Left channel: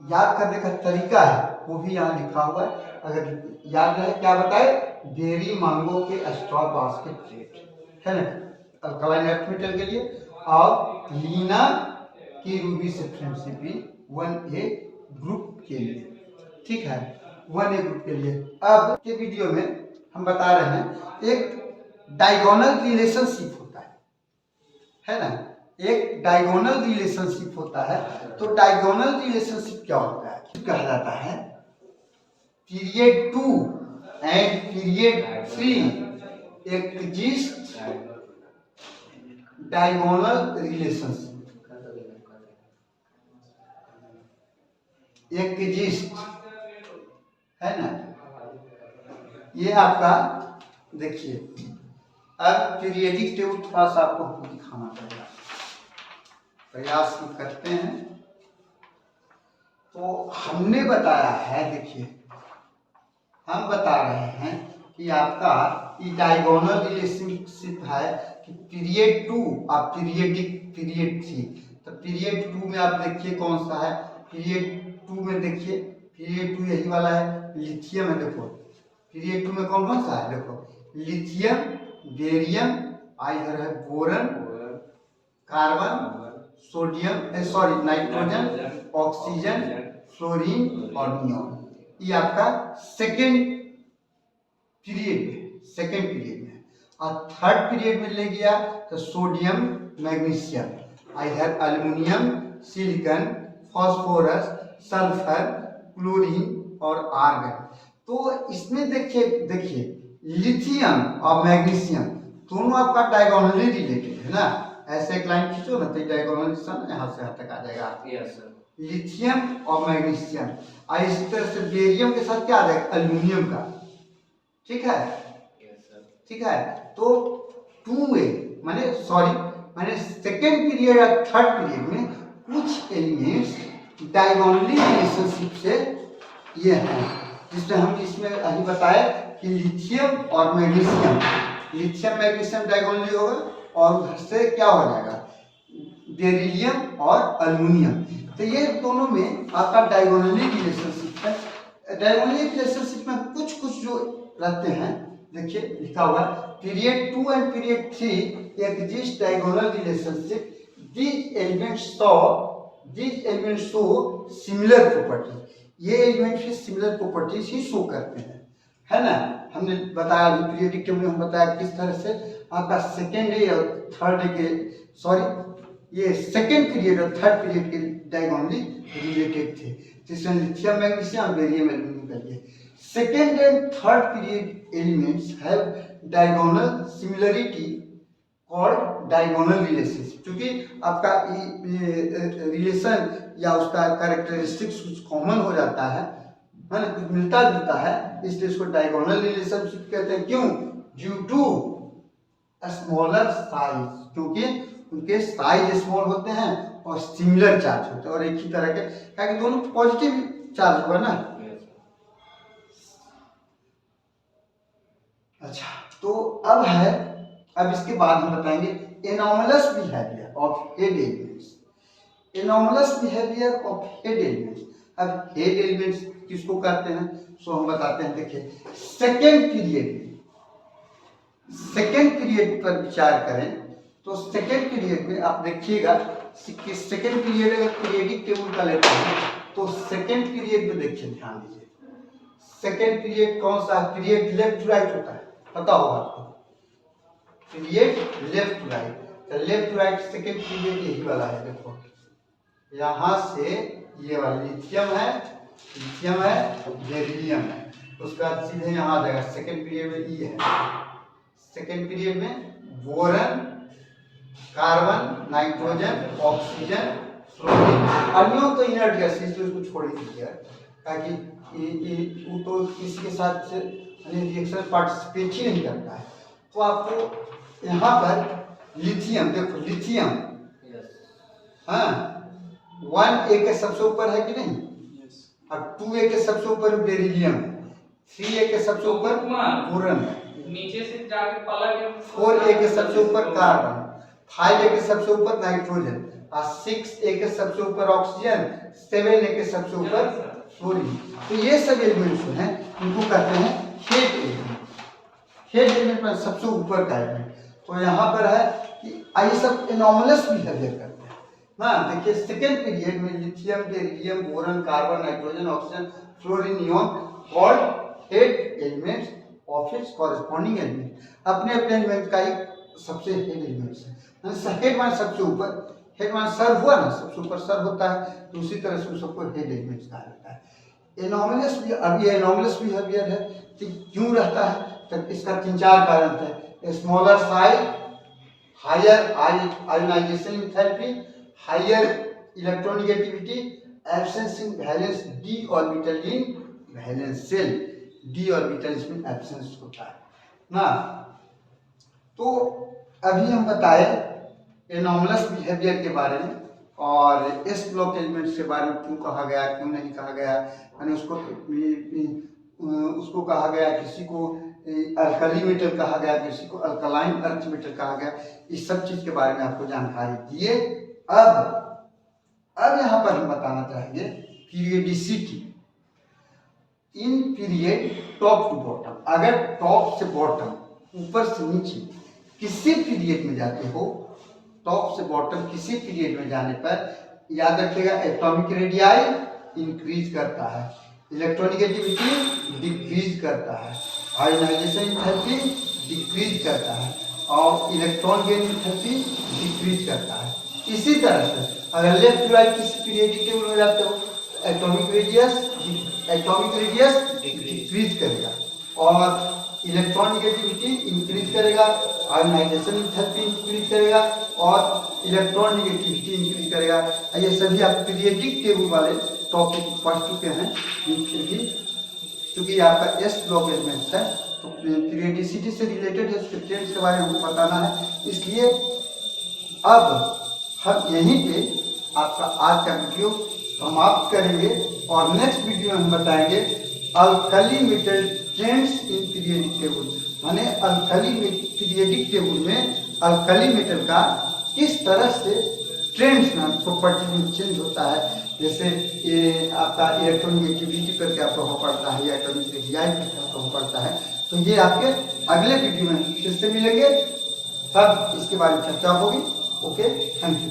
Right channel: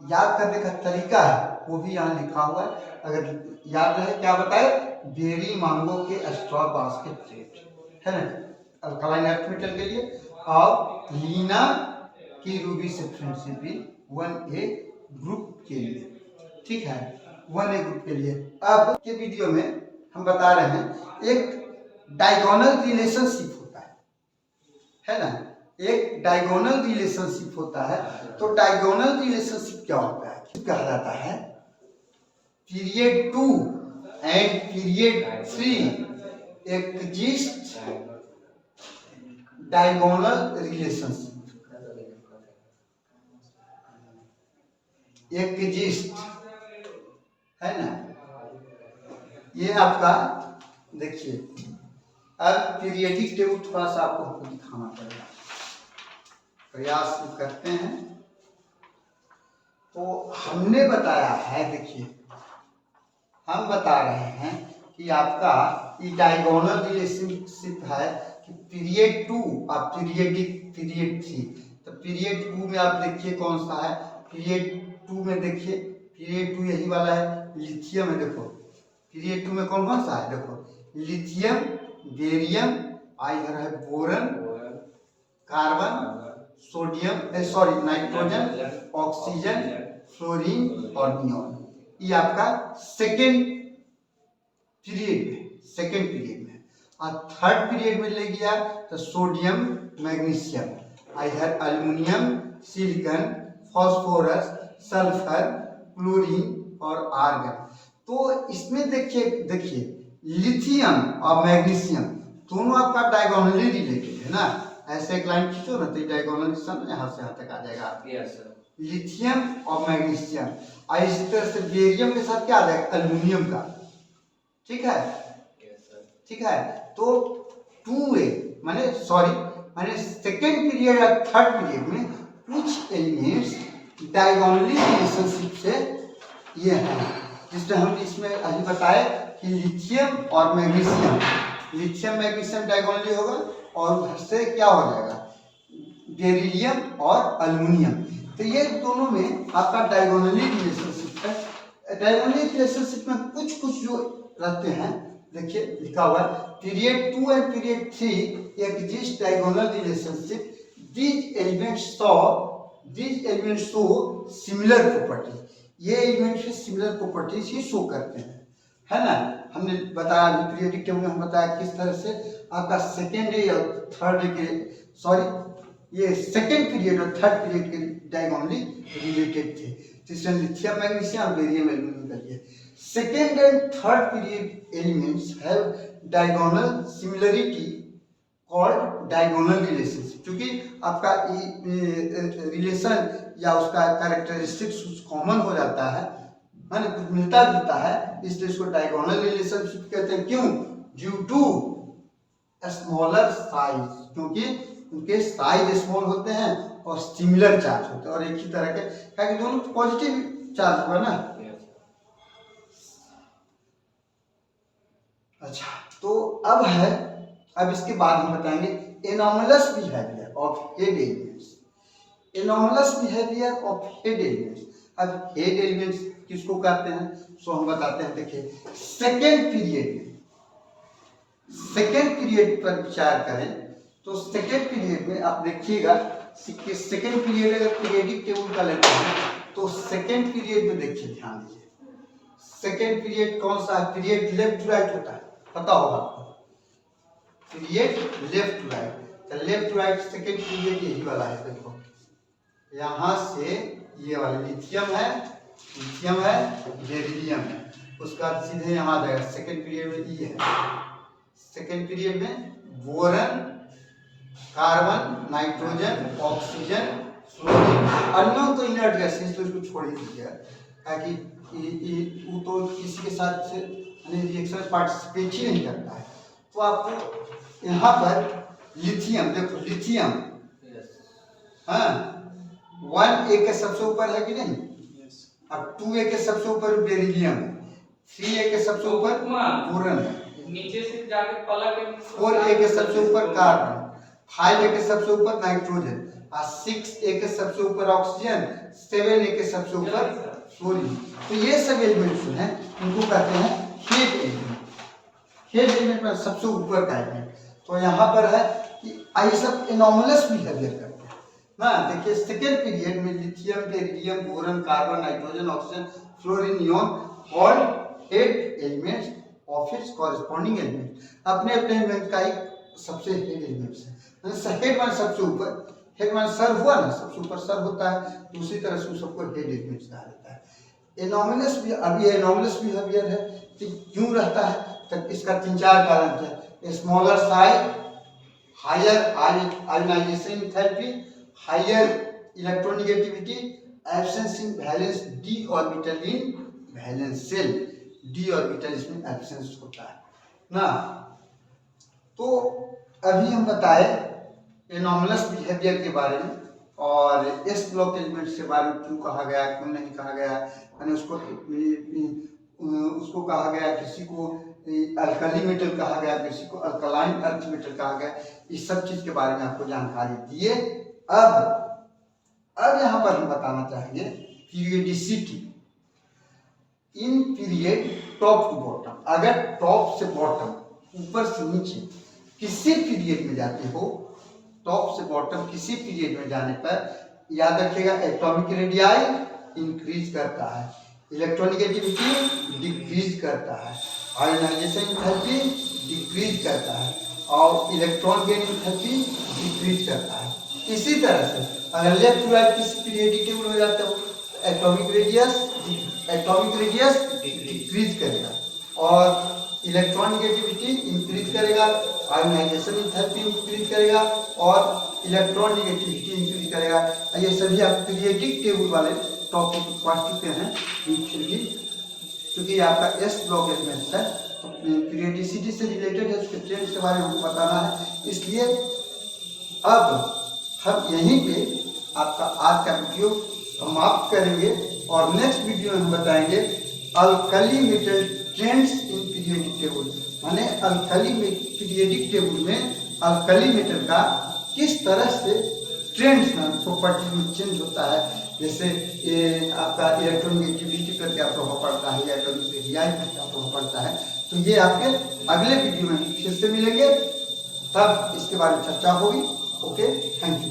याद करने का तरीका है वो भी यहाँ लिखा हुआ है, अगर याद रहे। क्या बताए? बेरी मांगो के स्ट्रॉ बास्केट रेट है ना अल्कलाइन अर्थ मेटल के लिए, और लीना की रूबी से फ्रेंडशिप 1A ग्रुप के लिए। ठीक है, 1A ग्रुप के लिए। अब के वीडियो में हम बता रहे हैं एक डायगोनल रिलेशनशिप होता है ना, एक डायगोनल रिलेशनशिप होता है। तो डायगोनल रिलेशनशिप क्या होता है? कहा जाता है period 2 and period 3 exist diagonal relationship exist है ना। ये आपका देखिए, अब पीरियडिक टेबल थोड़ा सा आपको दिखाना पड़ेगा, प्रयास करते हैं। तो हमने बताया है, देखिए हम बता रहे हैं कि आपका ये डायगोनल रिलेशनशिप है कि पीरियड 2 और पीरियड 3। तो पीरियड 2 में आप देखिए कौन सा है, पीरियड 2 में देखिए, पीरियड 2 यही वाला है, लिथियम है। देखो पीरियड 2 में कौन कौन सा है, देखो लिथियम, बेरियम, इधर है boron, carbon, sodium sorry nitrogen, oxygen, fluorine और नियॉन। ये आपका सेकेंड पीरियड में। और थर्ड पीरियड में ले गया तो सोडियम, मैग्नीशियम, इधर aluminium, silicon, phosphorus, sulphur, chlorine और आर्गन। तो इसमें देखिए लिथियम और मैग्नीशियम दोनों आपका डायगोनली रिलेटेड है ना। ऐसे एक लाइन खींचो ना तो डायगोनल यहाँ से यहाँ तक आ जाएगा। Yes sir. लिथियम और मैग्नीशियम, और इसी तरह से बेरियम के साथ क्या आ जाएगा, एल्युमिनियम का। ठीक है, ठीक है। तो 2A माने सेकेंड पीरियड और थर्ड पीरियड में कुछ एलिमेंट्स डायगोनली रिलेशनशिप से ये हैं, जिसमें हम इसमें अभी बताए कि लिथियम और मैग्नीशियम, लिथियम मैग्नीशियम डायगोनली होगा, और उधर से क्या हो जाएगा, बेरिलियम और एल्युमिनियम। तो ये दोनों में आपका डायगोनली रिलेशनशिप है। डायगोनली रिलेशनशिप में कुछ जो रहते हैं, देखिए लिखा हुआ है period 2 and period 3 exist diagonal relationship, these elements show similar property. ये एलिमेंट्स की सिमिलर प्रॉपर्टीज ही शो करते हैं, है ना। हमने बताया अभी पीरियडिक टेबल में हम बताया किस तरह से आपका सेकेंड डे और थर्ड डे के ये सेकेंड पीरियड और थर्ड पीरियड के डायगोनली रिलेटेड थे, जिसमें लिथियम, मैग्नीशियम, बेरियम, एल्युमिनियम का लिए। Second and third period elements have diagonal similarity called diagonal relationship. क्योंकि आपका रिलेशन या उसका कैरेक्टरिस्टिक्स कुछ कॉमन हो जाता है ना, कुछ मिलता जुलता है, इसलिए इसको डायगोनल रिलेशनशिप कहते हैं। क्यों? ड्यू टू स्मॉलर साइज, क्योंकि उनके साइज स्मॉल होते हैं और सिमिलर चार्ज होते हैं, और एक ही तरह के, क्योंकि दोनों पॉजिटिव चार्ज होगा ना। अच्छा, तो अब इसके बाद हम बताएंगे anomalous behaviour of head elements. Anomalous behaviour of head elements. अब हेड एलिमेंट्स किसको कहते हैं, सो हम बताते हैं। देखिए सेकेंड पीरियड पर विचार करें तो सेकेंड पीरियड में आप देखिएगा कि सेकेंड पीरियड अगर पीरियडिक टेबल का लेते हैं तो सेकेंड पीरियड में देखिए, ध्यान दीजिए, सेकेंड पीरियड कौन सा है, पीरियड लेफ्ट टू राइट होता है, पता होगा आपको, पीरियड लेफ्ट टू राइट। तो left to right second period यही वाला है। देखो यहाँ से ये वाला लिथियम है, बेरिलियम है, उसका सीधे यहाँ आ जाएगा। सेकेंड पीरियड में ये है, सेकेंड पीरियड में boron, carbon, nitrogen, oxygen, fluorine, अन्यों तो इनर्ट गैसेस, तो इसको छोड़ ही दीजिए, ताकि वो तो किसी के साथ रिएक्शन पार्टिसिपेट ही नहीं करता है। तो आपको यहाँ पर लिथियम, देखो लिथियम, हाँ 1A के सबसे ऊपर है कि नहीं, अब 2A के सबसे ऊपर बेरिलियम है, 3A के सबसे ऊपर बोरन है, नीचे से जाके पलट 4A के सबसे ऊपर कार्बन, 5A के सबसे ऊपर नाइट्रोजन, और 6A के सबसे ऊपर ऑक्सीजन, 7A के सबसे ऊपर फ्लोरीन। तो ये सब एलिमेंट्स हैं इनको कहते हैं हेड एलिमेंट। हेड एलिमेंट में सबसे ऊपर का एलिमेंट। तो यहाँ पर है कि ये सब एनॉमलस बिहेवियर करते हैं ना। देखिए सेकेंड पीरियड में lithium, beryllium, boron, carbon, nitrogen, oxygen, fluorine, neon called head elements of its corresponding element. अपने अपने एलिमेंट का एक सबसे हेड एलिमेंट्स है। हेड मान सबसे ऊपर, हेड मान सर हुआ ना, सबसे ऊपर सर होता है, तो उसी तरह से उस सबको हेड एलिमेंट्स कहा जाता है। एनॉमलस भी, अब ये एनॉमलस बिहेवियर है तो क्यों रहता है, तो इसका 3-4 कारण है। Smaller size, higher ionization enthalpy, higher electronegativity, absence in valence d orbital in valence shell. D orbital इसमें एब्सेंस होता है ना। तो अभी हम बताए एनॉमलस बिहेवियर के बारे में और एस ब्लॉक एलिमेंट्स के बारे में, क्यों कहा गया, क्यों नहीं कहा गया, यानी उसको कहा गया, किसी को अल्कली मेटल कहा गया, किसी को अल्कलाइन अर्थ मेटल कहा गया। इस सब चीज के बारे में आपको जानकारी दिए। अब यहाँ पर हम बताना चाहेंगे periodicity in period top to bottom. अगर टॉप से बॉटम, ऊपर से नीचे किसी पीरियड में जाते हो, टॉप से बॉटम किसी पीरियड में जाने पर याद रखिएगा एटॉमिक रेडियाई इंक्रीज करता है, इलेक्ट्रोनेगेटिविटी डिक्रीज करता है, आयोनाइजेशन एंथैल्पी डिक्रीज करता है और इलेक्ट्रॉन गेन एंथैल्पी डिक्रीज करता है। इसी तरह से अगर लेफ्ट टू राइट किसी पीरियडिक टेबल में जाते हो तो एटॉमिक रेडियस डिक्रीज करेगा और इलेक्ट्रोनेगेटिविटी इंक्रीज करेगा, आयोनाइजेशन एंथैल्पी इंक्रीज करेगा और इलेक्ट्रॉन नेगेटिविटी इंक्रीज करेगा। ये सभी आप पीरियडिक टेबल वाले टॉपिक पढ़ चुके हैं, फिर भी क्योंकि आपका एस ब्लॉक एलिमेंट्स है तो पीरियडिसिटी से रिलेटेड है, उसके ट्रेंड्स के बारे में हमको बताना है। इसलिए अब हम यहीं पे आपका आज का वीडियो समाप्त करेंगे और नेक्स्ट वीडियो में हम बताएंगे alkali metal trends in periodic table, माने अल्कली पीरियडिक टेबल में अल्कली मेटल का किस तरह से ट्रेंड्स में प्रॉपर्टी में चेंज होता है। जैसे ये आपका इलेक्ट्रोनेगेटिविटी पर क्या प्रभाव पड़ता है या एटॉमिक रेडियाई पर क्या प्रभाव पड़ता है, तो ये आपके अगले वीडियो में फिर से मिलेंगे, तब इसके बारे में चर्चा होगी। Okay, thank you.